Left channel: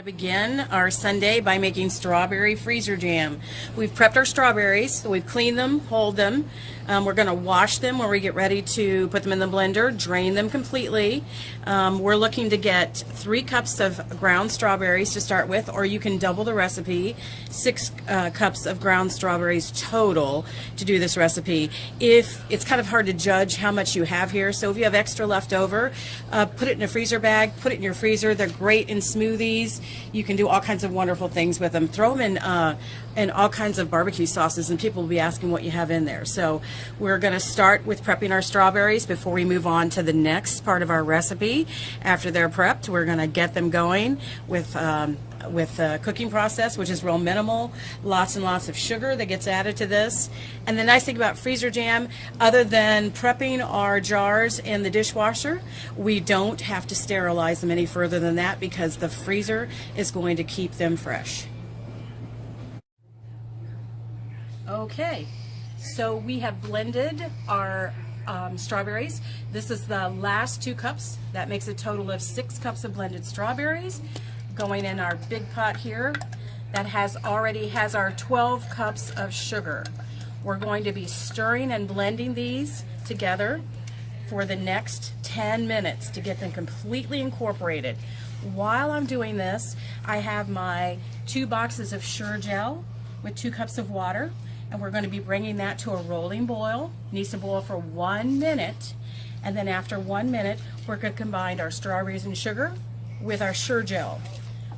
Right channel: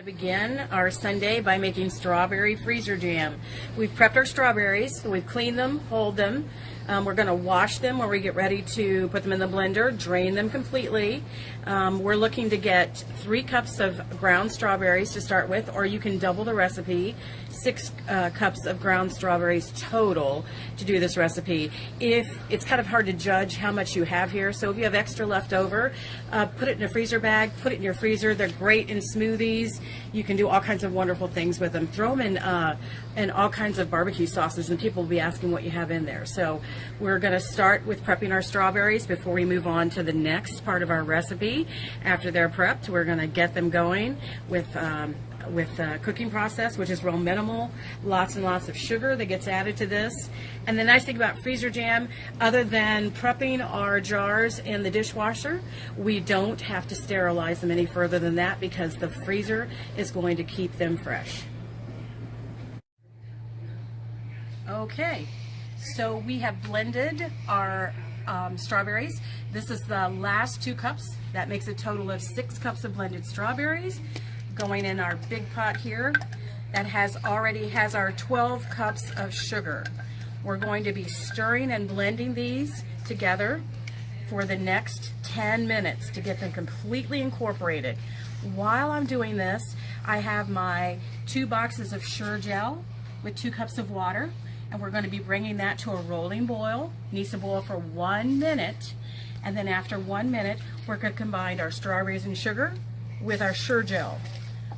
To begin our Sunday by making strawberry freezer jam. We've prepped our strawberries, so we've cleaned them, hold them. We're going to wash them when we get ready to put them in the blender, drain them completely. We're looking to get 3 cups of ground strawberries to start with, or you can double the recipe, 6 cups of ground strawberries total to do this recipe. If it's kind of hard to judge how much you have here, so if you have extra left over, put it in a freezer bag, put it in your freezer. They're great in smoothies. You can do all kinds of wonderful things with them. Throw them in all kinds of barbecue sauces, and people will be asking what you have in there. So we're going to start with prepping our strawberries before we move on to the next part of our recipe. After they're prepped, we're going to get them going with the cooking process, which is real minimal. Lots and lots of sugar that gets added to this. And the nice thing about freezer jam, other than prepping our jars in the dishwasher, we don't have to sterilize them any further than that because the freezer is going to keep them fresh. Okay, so we have blended our strawberries. This is the last 2 cups. That makes a total of 6 cups of blended strawberries going in our big pot here that already has our 12 cups of sugar. We're going to be stirring and blending these together for the next 10 minutes to get them completely incorporated. While I'm doing this, I have my 2 boxes of Sure Gel with 2 cups of water, and we're going to be bringing that to a rolling boil. It needs to boil for 1 minute, and then after 1 minute, we're going to combine our strawberries and sugar with our Sure Gel.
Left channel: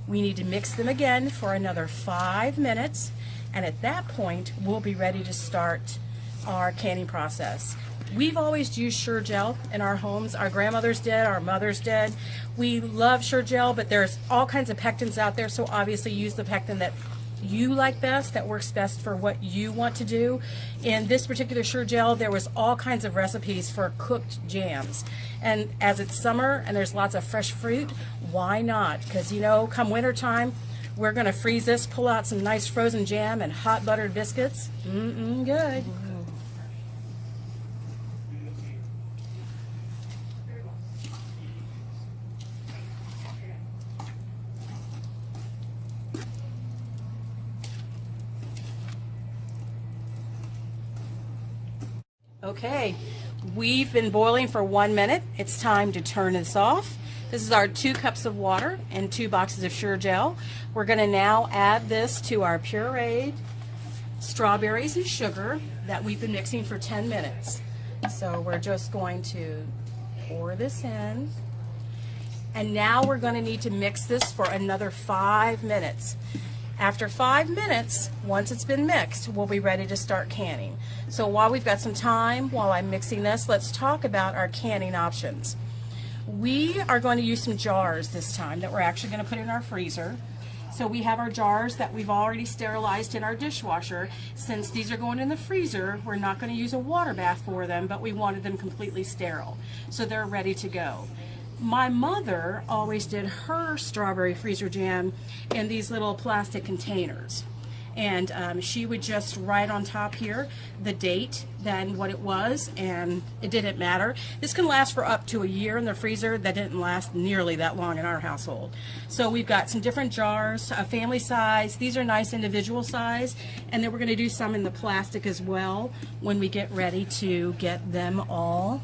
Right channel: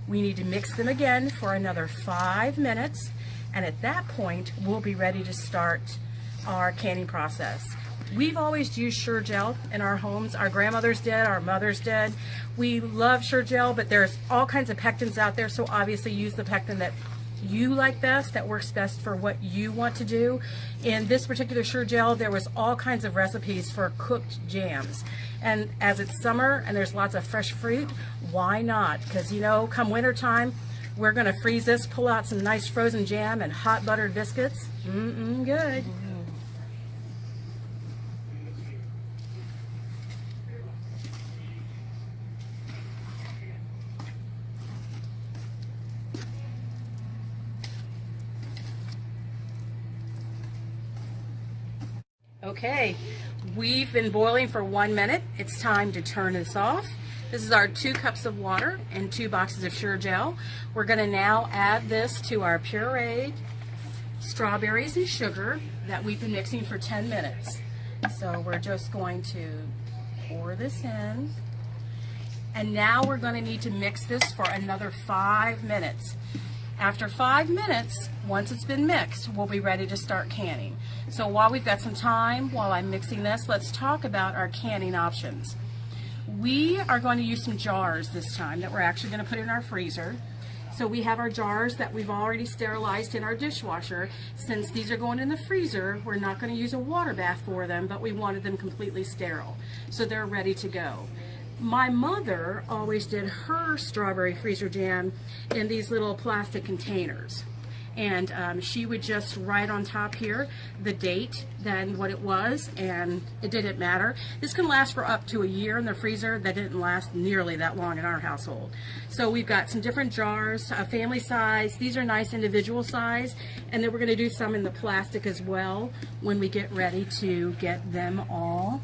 We need to mix them again for another 5 minutes, and at that point we'll be ready to start our canning process. We've always used Sure Gel in our homes. Our grandmothers did, our mothers did. We love Sure Gel, but there's all kinds of pectins out there, so obviously use the pectin that you like best, that works best for what you want to do. In this particular Sure Gel, there was all kinds of recipes for cooked jams. And as it's summer and there's lots of fresh fruit, why not? Because, you know, come winter time, we're going to freeze this, pull out some nice frozen jam and hot buttered biscuits. Good. Okay, we've been boiling for 1 minute. It's time to turn this off. This is our 2 cups of water and 2 boxes of Sure Gel. We're going to now add this to our pureed strawberries and sugar that we've been mixing for 10 minutes. So we're just going to pour this in. And now we're going to need to mix this for another 5 minutes. After 5 minutes, once it's been mixed, we'll be ready to start canning. So while we've got some time, while I'm mixing this, let's talk about our canning options. We are going to use some jars this time that we're actually going to put in our freezer. So we have our jars that we've already sterilized in our dishwasher. Since these are going in the freezer, we're not going to use a water bath for them, but we wanted them completely sterile. So they're ready to go. My mother always did her strawberry freezer jam in these little plastic containers. And she would just write on top here the date, then what it was, and it didn't matter. This can last for up to a year in the freezer. That didn't last nearly that long in our household. So we've got some different jars, a family size. These are nice individual size. And then we're going to do some in the plastic as well when we get ready to get them all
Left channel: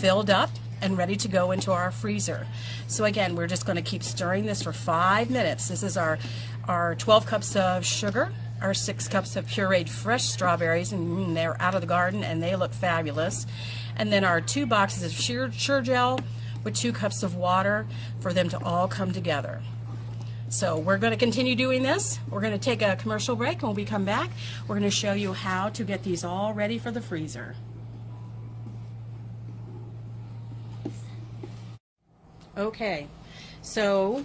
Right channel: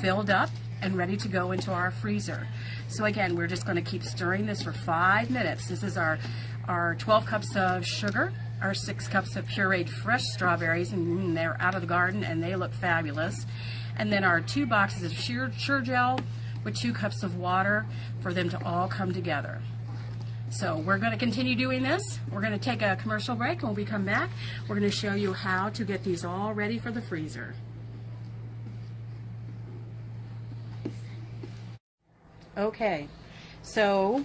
filled up and ready to go into our freezer. So again, we're just going to keep stirring this for 5 minutes. This is our 12 cups of sugar, our 6 cups of pureed fresh strawberries, and they're out of the garden and they look fabulous. And then our 2 boxes of Sure Gel with 2 cups of water for them to all come together. So we're going to continue doing this. We're going to take a commercial break, and when we come back, we're going to show you how to get these all ready for the freezer. Okay, so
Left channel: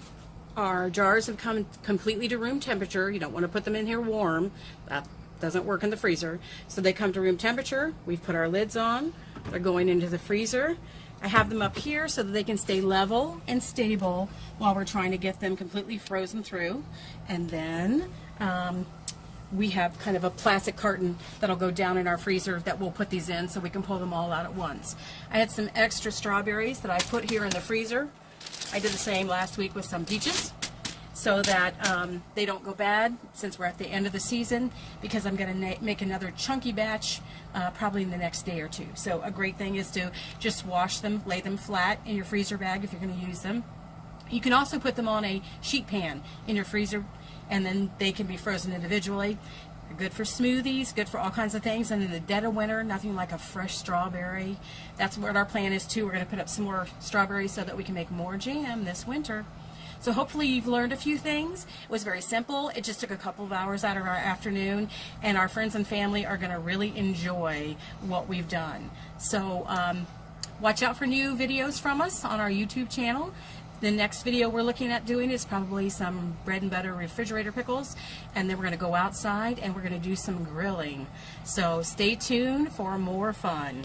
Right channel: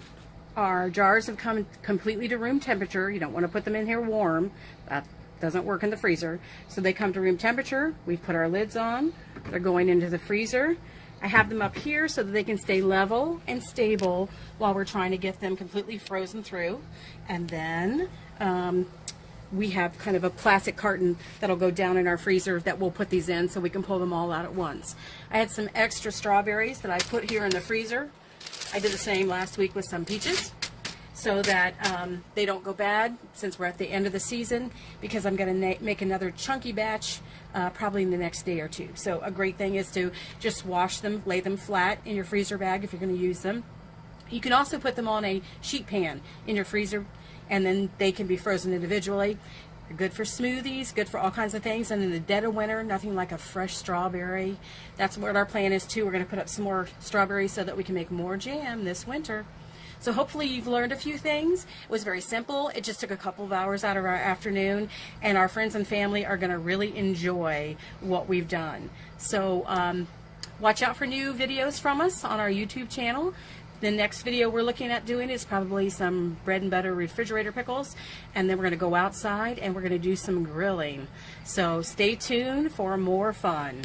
our jars have come completely to room temperature. You don't want to put them in here warm. That doesn't work in the freezer. So they come to room temperature. We've put our lids on. They're going into the freezer. I have them up here so that they can stay level and stable while we're trying to get them completely frozen through. And then we have kind of a plastic carton that'll go down in our freezer that we'll put these in so we can pull them all out at once. I had some extra strawberries that I put here in the freezer I did the same last week with some peaches, so that they don't go bad since we're at the end of the season, because I'm going to make another chunky batch probably in the next day or two. So a great thing is to just wash them, lay them flat in your freezer bag if you're going to use them. You can also put them on a sheet pan in your freezer, and then they can be frozen individually. They're good for smoothies, good for all kinds of things. And in the dead of winter, nothing like a fresh strawberry. That's what our plan is too. We're going to put up some more strawberries so that we can make more jam this winter. So hopefully you've learned a few things. It was very simple. It just took a couple of hours out of our afternoon, and our friends and family are going to really enjoy what we've done. So watch out for new videos from us on our YouTube channel. The next video we're looking at doing is probably some bread and butter refrigerator pickles, and then we're going to go outside and we're going to do some grilling. So stay tuned for more fun.